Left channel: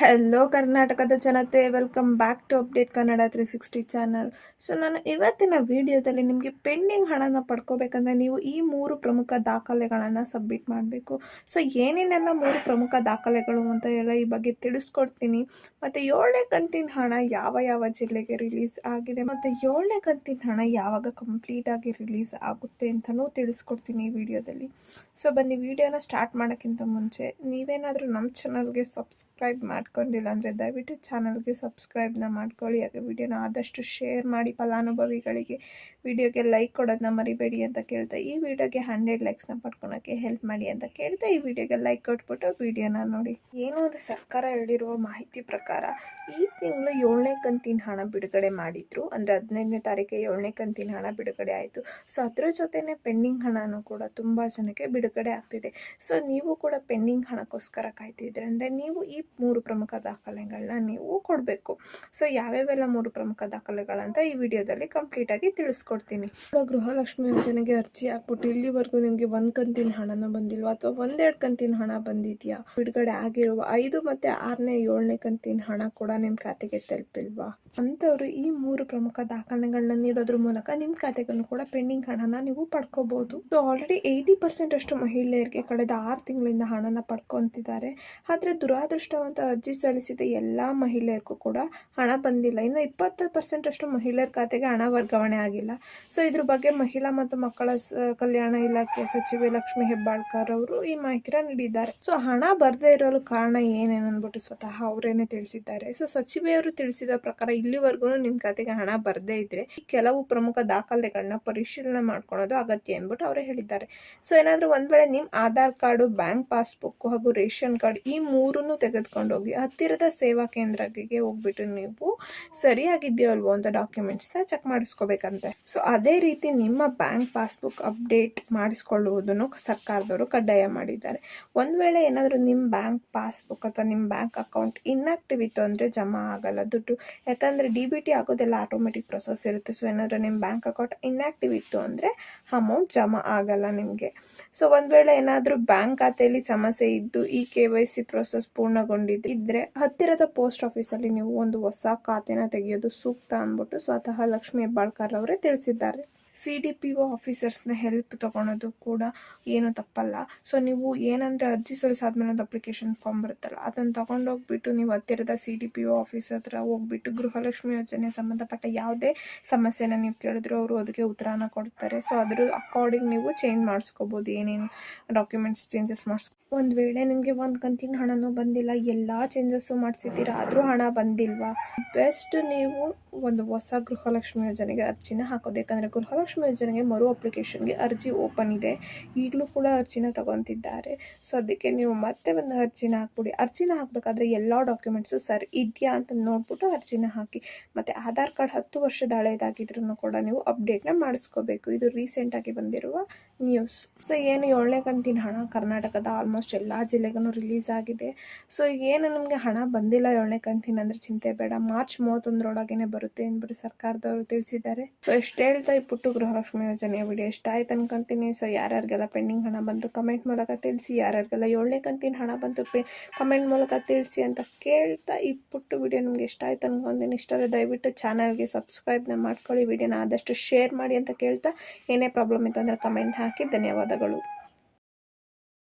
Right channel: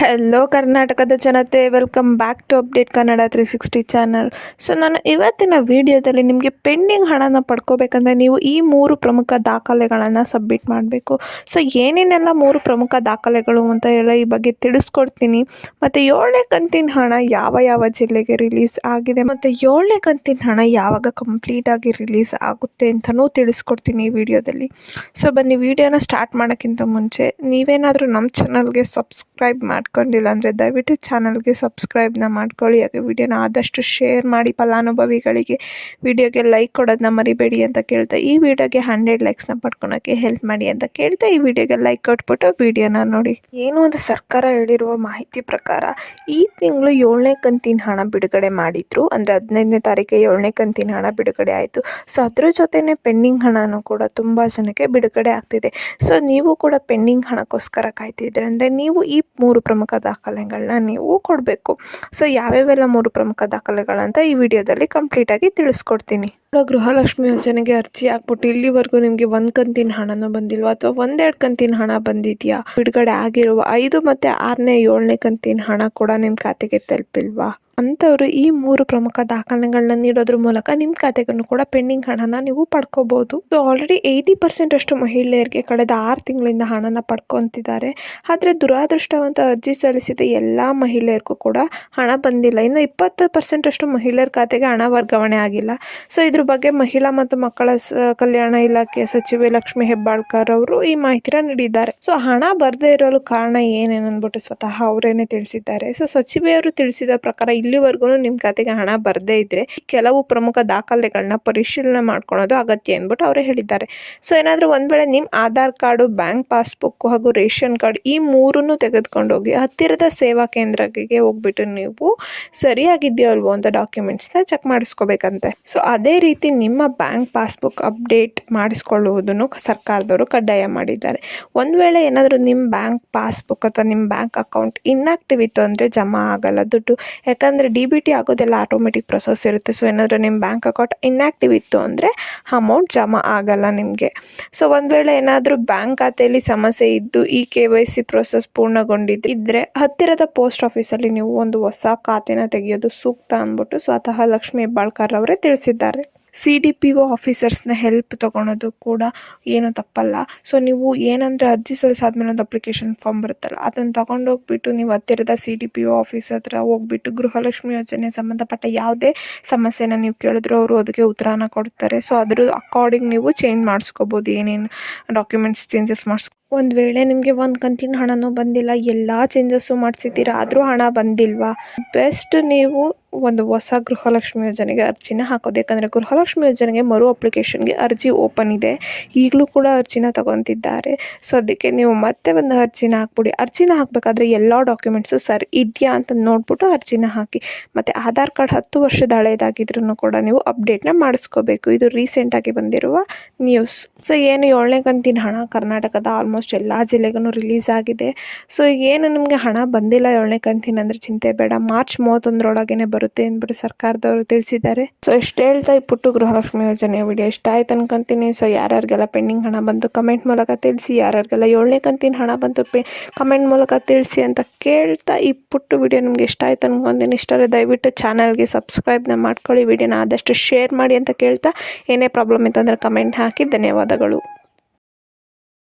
Hello ಕರ್ನಾಟಕದ ಜನತೆ, welcome back to update Kannada 360 channel. So ನಾನು ಇವತ್ತಿನ ವಿಡಿಯೋದಲ್ಲಿ ನಿಮಗೆ ಪೆಂಡಿಂಗ್ ಹಣನ ಪಡ್ಕೋಬೇಕಂದ್ರೆ ನೀವು ಈ 3 ಪ್ರಮುಖ ದಾಖಲೆಗಳನ್ನು ಸಬ್ಮಿಟ್ ಮಾಡಬೇಕು. ಸೊ ಏನೇನೆಲ್ಲ 3 ಪ್ರಮುಖ ದಾಖಲೆಗಳು ಅಂತ ಹೇಳಿ ಈ ಬಗ್ಗೆ ತಿಳಿಸ್ಕೊಡ್ತೀನಿ. ಮತ್ತು 7ನೇ ಕಂತಿನ ಹಣ ಯಾವ ಜಿಲ್ಲೆಗೆ ರಿಲೀಸ್ ಆಗಿದೆ ಮತ್ತು 7ನೇ ಕಂತಿನ ಹಣ ಯಾವಾಗ ಕಂಪ್ಲೀಟಾಗಿ ರಿಲೀಸ್ ಆಗುತ್ತೆ ಅಂತಲೂ ತಿಳಿಸ್ಕೊಡ್ತೀನಿ ಈ ವಿಡಿಯೋದಲ್ಲಿ. ಸೊ ಬನ್ನಿ, ವಿಡಿಯೋನ ಸ್ಟಾರ್ಟ್ ಮಾಡೋಕ್ಕಿಂತ ಮುಂಚೆ ನೀವೇನಾದರೂ ನಮ್ಮ ಚಾನಲ್ಗೆ ಸಬ್ಸ್ಕ್ರೈಬ್ ಮಾಡ್ಕೊಂಡಿಲ್ಲ ಅಂದರೆ ದಯವಿಟ್ಟು ಚಾನಲ್ಗೆ ಸಬ್ಸ್ಕ್ರೈಬ್ನ ಮಾಡ್ಕೊಳ್ಳಿ. ಹಾಗೆ ವಿಡಿಯೋನ ಆದಷ್ಟು ಶೇರ್ ಮಾಡಿ, ಫಲಾನುಭವಿಗಳಿಗೆ ವಿಡಿಯೋಗೆ ಲೈಕ್ ಕೊಡೋದನ್ನ ಮರಿಬೇಡಿ ಅಂತ ಕೇಳ್ತಾ, ಈ ವಿಡಿಯೋಗೆ 100 ಲೈಕ್ಸ್ನ ಪಡ್ಕೊಳಕ್ಕೆ ಹೆಲ್ಪ್ ಮಾಡಿ ಅಂತ ಕೇಳ್ತಾ ಈ ವಿಡಿಯೋಗೆ ಲೈಕ್ ಕೊಟ್ಬಿಟ್ಟು ವಿಡಿಯೋನ ನೋಡಿ. ಏನು ಒಂದು ಸರ್ಕಾರ ಹೇಳಿರುವ ಮಾಹಿತಿ ಪ್ರಕಾರ ಈ ತಿಂಗಳು 7ನೇ ಕಂತಿನ ಹಣ ಬಿಡುಗಡೆ ಮಾಡಿದ್ರು. ಅಂದರೆ 15ನೇ ತಾರೀಕಿಗೆ 7ನೇ ಕಂತಿನ ಹಣ ಬಿಡುಗಡೆ ಆಯಿತು. ಸೊ ಅದ್ರ ಜೊತೆನೇ ಪೆಂಡಿಂಗ್ ಹಣನೂ ಕೂಡ ತುಂಬ ಜನಕ್ಕೆ ಬಿಡುಗಡೆ ಆಗ್ತಿದೆ. ಸೊ ನೀವು ಕೂಡ ಪೆಂಡಿಂಗ್ ಹಣಕ್ಕೋಸ್ಕರ ಕಾಯ್ತಿದ್ರೆ ಅಂದರೆ ನೀವು ಈ 3 ಪ್ರಮುಖ ದಾಖಲೆಗಳನ್ನ ನೀವು ಕೊಡಬೇಕು. ಸೊ ಯಾವ್ಯಾವೆಲ್ಲ 3 ಪ್ರಮುಖ ದಾಖಲೆಗಳಂತ ಈ ವಿಡಿಯೋದಲ್ಲಿ ಕಂಪ್ಲೀಟಾಗಿ ತಿಳಿಸ್ಕೊಡ್ತೀನಿ. ಗೃಹಲಕ್ಷ್ಮಿ ಯೋಜನೆಗೆ ಅರ್ಜಿ ಹಾಕ್ಬಿಟ್ಟು ಇಲ್ಲಿವರೆಗೂ ನಿಮಗೆ 1 ಕಂತಿನ ಹಣನೂ ಬಂದಿಲ್ವಾ ಅಥವಾ 1-2 ಕಂತಿನ ಹಣ ಬಂದಿದೆಯಾ, ಬಿಡುಗಡೆ ಆಗಿರುವ 5 ಮತ್ತು 6ನೇ 7ನೇ ಕಂತಿನ ಹಣ ಕೂಡ ನಿಮ್ಮ ಖಾತೆಗೆ ತಲುಪಿಲ್ವಾ ಅಂಥವ್ರು ಈ 3 ಪ್ರಮುಖ ದಾಖಲೆಗಳನ್ನ ನೀಡೋದ್ರ ಮೂಲಕ ನಿಮ್ಮ ಖಾತೆಗೂ ಕೂಡ ಪೆಂಡಿಂಗ್ ಹಣನ ನೀವು ಪಡ್ಕೋಬಹುದು. ಸೊ ಆಲ್ರೆಡಿ 80% ಅಷ್ಟು ಮಹಿಳೆಯರಿಗೆ ಕಳೆದ 6 ತಿಂಗಳಿಂದ ಹಣನ ಪಡ್ಕೊತಿದ್ದಾರೆ. ಆದರೆ ದುರಾದೃಷ್ಟವಂತ ಅರ್ಜಿ ಸಲ್ಲಿಸಿದ ಎಲ್ಲ ಮಹಿಳೆಯರಿಗೂ ಕೂಡ ಹಣ ಬಂದಿಲ್ಲ. ಇನ್ನು 20% ಅಷ್ಟು ಮಹಿಳೆಯರ ಖಾತೆಗೆ ಹಣ ವರ್ಗಾವಣೆ ಆಗಿಲ್ಲ. ಸೊ ಇದ್ರ ಬಗ್ಗೆ ಮಹಿಳಾ ಮತ್ತು ಮಕ್ಕಳ ಕಲ್ಯಾಣ ಇಲಾಖೆ ಸಚಿವೆ ಲಕ್ಷ್ಮಿ ಹೆಬ್ಬಾಳ್ಕರ್ ಅವರು ಈ ಮಾಹಿತಿನ ನೀಡಿದ್ದಾರೆ. ಸೊ ಹಣ ಬರದೇ ಇರಲು ಕಾರಣ ಏನೇನಂದ್ಬಿಟ್ಟು ಸ್ವತಃ ಅವರೇನೆ ತಿಳಿಸಿದ್ದಾರೆ. ಸೊ ಸಚಿವೆಯವರು ತಿಳಿಸಿದ ಪ್ರಕಾರ ಇಲ್ಲಿವರೆಗೂ ನಿಮ್ಮ ಖಾತೆಗೆ ಹಣ ಬರದೇ ಇದ್ರೆ ಕೆಲವು ಪ್ರಮುಖ ದಾಖಲೆಗಳನ್ನ ಪರಿಶೀಲನೆ ಮಾಡ್ಕೊಳ್ಳೋದು ಅಗತ್ಯ ಅಂದ್ಬಿಟ್ಟು ಅವರೇ ಹೇಳಿದ್ದಾರೆ. ಸೊ ಏನಾದರೂ ಒಂದು ವೇಳೆ ನಿಮ್ಮ ಆಧಾರ್ ಕಾರ್ಡು, ಬ್ಯಾಂಕ್ ಪಾಸ್ಬುಕ್ ಹಾಗೂ ರೇಷನ್ ಕಾರ್ಡ್ ಈ 3ನ್ನು ತೆಗೆದುಕೊಂಡೋಗಿ ಹತ್ತಿರದ ಸೇವಾ ಕೇಂದ್ರಕ್ಕೆ ಹೋಗ್ಬಿಟ್ಟು ನೀವು ಸರಿಯಾಗಿದೆಯೋ ಅಲ್ವೋ ಅಂತ ಡಾಕ್ಯುಮೆಂಟ್ಸ್ನ ಚೆಕ್ ಮಾಡಿಸ್ಕೋಬೇಕಂತೆ. ಸೊ ಅದೇ ರೀತಿ ನಿಮ್ಮ ಬ್ಯಾಂಕ್ ಪಾಸ್ಬುಕ್ ಅಪ್ಡೇಟ್ ಮಾಡಿಸ್ಕೊಳ್ಳುವುದನ್ನು ಸರ್ಕಾರದವರು ಕಡ್ಡಾಯ ಮಾಡಿದ್ದಾರೆ. ಒಂದು ವೇಳೆ ಏನಾದರೂ ನಿಮ್ಮ ಬ್ಯಾಂಕ್ ಪಾಸ್ಬುಕ್ ಅಥವಾ ನಿಮ್ಮ ಬ್ಯಾಂಕ್ ಅಕೌಂಟ್ ಇನ್ಆಕ್ಟಿವ್ ಇತ್ತು ಅಂದರೆ ಜಮಾ ಆಗಲ್ಲ ದುಡ್ಡು. ಯಾಕಂದರೆ DBT ಆಗೋದೆಲ್ಲ ಆಟೋಮೆಟಿಕ್ ಪ್ರೊಸೆಸ್ ಇರುತ್ತೆ. ಸೊ ಏನಾದರೂ ನಿಮ್ಮ ಬ್ಯಾಂಕ್ ಅಕೌಂಟ್ ಇನ್ಆಕ್ಟಿವ್ ಇತ್ತು ಅಂದರೆ ಅಮೌಂಟ್ ಜಮಾ ಆಗಲ್ಲ ನಿಮಗೆ. ಸೊ ಒಂದು ವೇಳೆ ಏನಾದರೂ ಬ್ಯಾಂಕ್ ಖಾತೆಯಲ್ಲಿ ಸಮಸ್ಯೆ ಇದ್ದು ಈ KYC ಪ್ರೋಸೆಸ್ ಪೂರ್ಣಗೊಂಡಿದ್ದರೆ ಹತ್ತಿರದ ಪೋಸ್ಟ್ ಆಫೀಸಲ್ಲಿ ನೀವು ಒಂದು ಹೊಸ ಖಾತೆನ ತೆಗೆಯೋದು ಸೂಕ್ತ ಅಂದ್ಬಿಟ್ಟು ಸ್ವತಃ ಲಕ್ಷ್ಮಿ ಹೆಬ್ಬಾಳ್ಕರ್ ಅವರೇ ತಿಳಿಸಿದ್ದಾರೆ. CDPO ಆಫೀಸರ್ಸ್ನ ಹೆಲ್ಪ್ ತೊಗೊಳೋದು ಕೂಡ ಏನು ತಪ್ಪಲ್ಲ. ಸೊ ನೀವು ಏನಂದರೆ ಅರ್ಜಿ ಸಲ್ಲಿಸಾದ್ಮೇಲೆ ಒಂದು ಅಪ್ಲಿಕೇಶನ್ ಫಾರ್ಮ್ ಬರುತ್ತಲ್ಲ, ಅದನ್ನು ತೊಗೊಂಡೋಗ್ಬಿಟ್ಟು ನೀವು ಹತ್ತಿರದ CDPO ಆಫೀಸ್ ಹತ್ರ ಹೋಗ್ಬಿಟ್ಟು ಗೃಹಲಕ್ಷ್ಮಿ ಯೋಜನೆ ಸಂಬಂಧಪಟ್ಟ ಯಾವುದೇ ಸಮಸ್ಯೆನ ನೀವು ಕೇಳಿದ್ರು ಅವರು ಅದಕ್ಕೆ ಉತ್ತರನ ಕೊಡ್ತಾರೆ. ಸೊ ಅದ್ರ ಅಕಾರ್ಡಿಂಗ್ ನೀವು ಚೇಂಜ್ ಮಾಡಿಸ್ಕೋಬೋದು, ಏನೇನು ಡಾಕ್ಯುಮೆಂಟ್ಸ್ ಚೇಂಜಸ್ ಒಂದು ವೇಳೆ ನಿಮಗೆ 1 ಕಂತಿನ ಹಣನೂ ಬಂದಿಲ್ಲ, ಎಲ್ಲ ಚೇಂಜಸ್ಸು ಮಾಡಿಸಿದ್ದೀರಾ ಆದರೂ ಹಣ ಬಂದಿಲ್ವಾ, ಬೆಸ್ಟ್ ನೀವು ಒಂದು ಹೊಸ ಗೃಹಲಕ್ಷ್ಮಿ ಯೋಜನೆಗೆ ಅರ್ಜಿನ ಹಾಕೋದು. ಯಾಕಂದರೆ ಗೃಹಲಕ್ಷ್ಮಿ ಯೋಜನೆಗೆ ಮರು ಅಪ್ಲಿಕೇಶನ್ಗೆ ಅರ್ಜಿ ಓಪನ್ ಇದೆ, ಈಗಲೂ ಕೂಡ ಅರ್ಜಿನ ತಗೊತಿದ್ದಾರೆ. ಸೊ ಅದಕ್ಕೆ ನೀವು ಮತ್ತೆ ಒಂದು ಅರ್ಜಿನ ಹಾಕ್ಬಿಡಿ. ಅರ್ಜಿನ ಹಾಕಬೇಕಾದ್ರೆ ಎಲ್ಲ ಡಾಕ್ಯುಮೆಂಟ್ಸು ಸರಿ ಇದೆಯಾ ಅಂತ ನೋಡ್ಬಿಟ್ಟು ಅರ್ಜಿನ ಹಾಕಿ. ಮತ್ತು ಆಧಾರ್ ಕಾರ್ಡ್ 10 ವರ್ಷದ ಹಳೇದಾಗಿದ್ರೂ ಕೂಡ ನೀವು ಅಪ್ಡೇಟ್ನ ಮಾಡಿಸ್ಕೋಬೇಕು. ಇದು ರೀಸೆಂಟಾಗಿ ಬಂದಿರುವ ನ್ಯೂಸ್. ಸೊ ಏನು 7ನೇ ಕಂತಿನ ಹಣ ಕರ್ನಾಟಕದ ಆಲ್ಮೋಸ್ಟ್ ಎಲ್ಲ ಜಿಲ್ಲೆಗೂ ರಿಲೀಸ್ ಆಗಿದೆ. ಸೊ ಏನು ನಿಮಗೆ ಹಣ ಬಂದಿಲ್ಲ 7ನೇ ಕಂತಿನ ಅಂದರೆ ಚಿಂತೆ ಬೇಡ, ಮಾರ್ಚ್ 31ರೊಳಗೇ ಬರುತ್ತೆ ಅಂದ್ಬಿಟ್ಟು ಸರ್ಕಾರದವರು ತಿಳಿಸಿದ್ದಾರೆ. ಸೊ ಎಷ್ಟು ಹೇಳ್ತಾ ಈ ಪುಟ್ಟು ಗೃಹಲಕ್ಷ್ಮಿ ಯೋಜನೆ ವಿಡಿಯೋ ಇಷ್ಟ ಆಯ್ತು ಅನ್ಕೊಂತೀನಿ. ಸೊ ಯಾರ್ಯಾರಿಗೆಲ್ಲ ಪೆಂಡಿಂಗ್ ಹಣ ಬಂತು ಕಮೆಂಟ್ ಮೂಲಕ ತಿಳಿಸಿ, ಯಾರ್ಯಾರಿಗೆಲ್ಲ 7ನೇ ಕಂತಿನ ಹಣ ಬಂತು ಕಮೆಂಟ್ ಮೂಲಕ ತಿಳಿಸಿ ಅಂತ ಕೇಳ್ತಾ ಈ ಪುಟ್ಟು ವಿಡಿಯೋ ನಿಮ್ಗೆ ಇಷ್ಟ ಆಯ್ತು ಅನ್ಕೊಂತೀನಿ. ಇಷ್ಟರೇ ದಯವಿಟ್ಟು ಚಾನಲ್ಗೆ ಸಬ್ಸ್ಕ್ರೈಬ್ನ ಮಾಡ್ಕೊಳ್ಳಿ, ವಿಡಿಯೋನ ಆದಷ್ಟು ಶೇರ್ ಮಾಡಿ ಅಂತ ಕೇಳ್ತಾ, ಏನೇ ಪ್ರಾಬ್ಲಮ್ ಇತ್ತಂದರೆ ಕಮೆಂಟ್ ಹಾಕಿ. ಧನ್ಯವಾದಗಳು.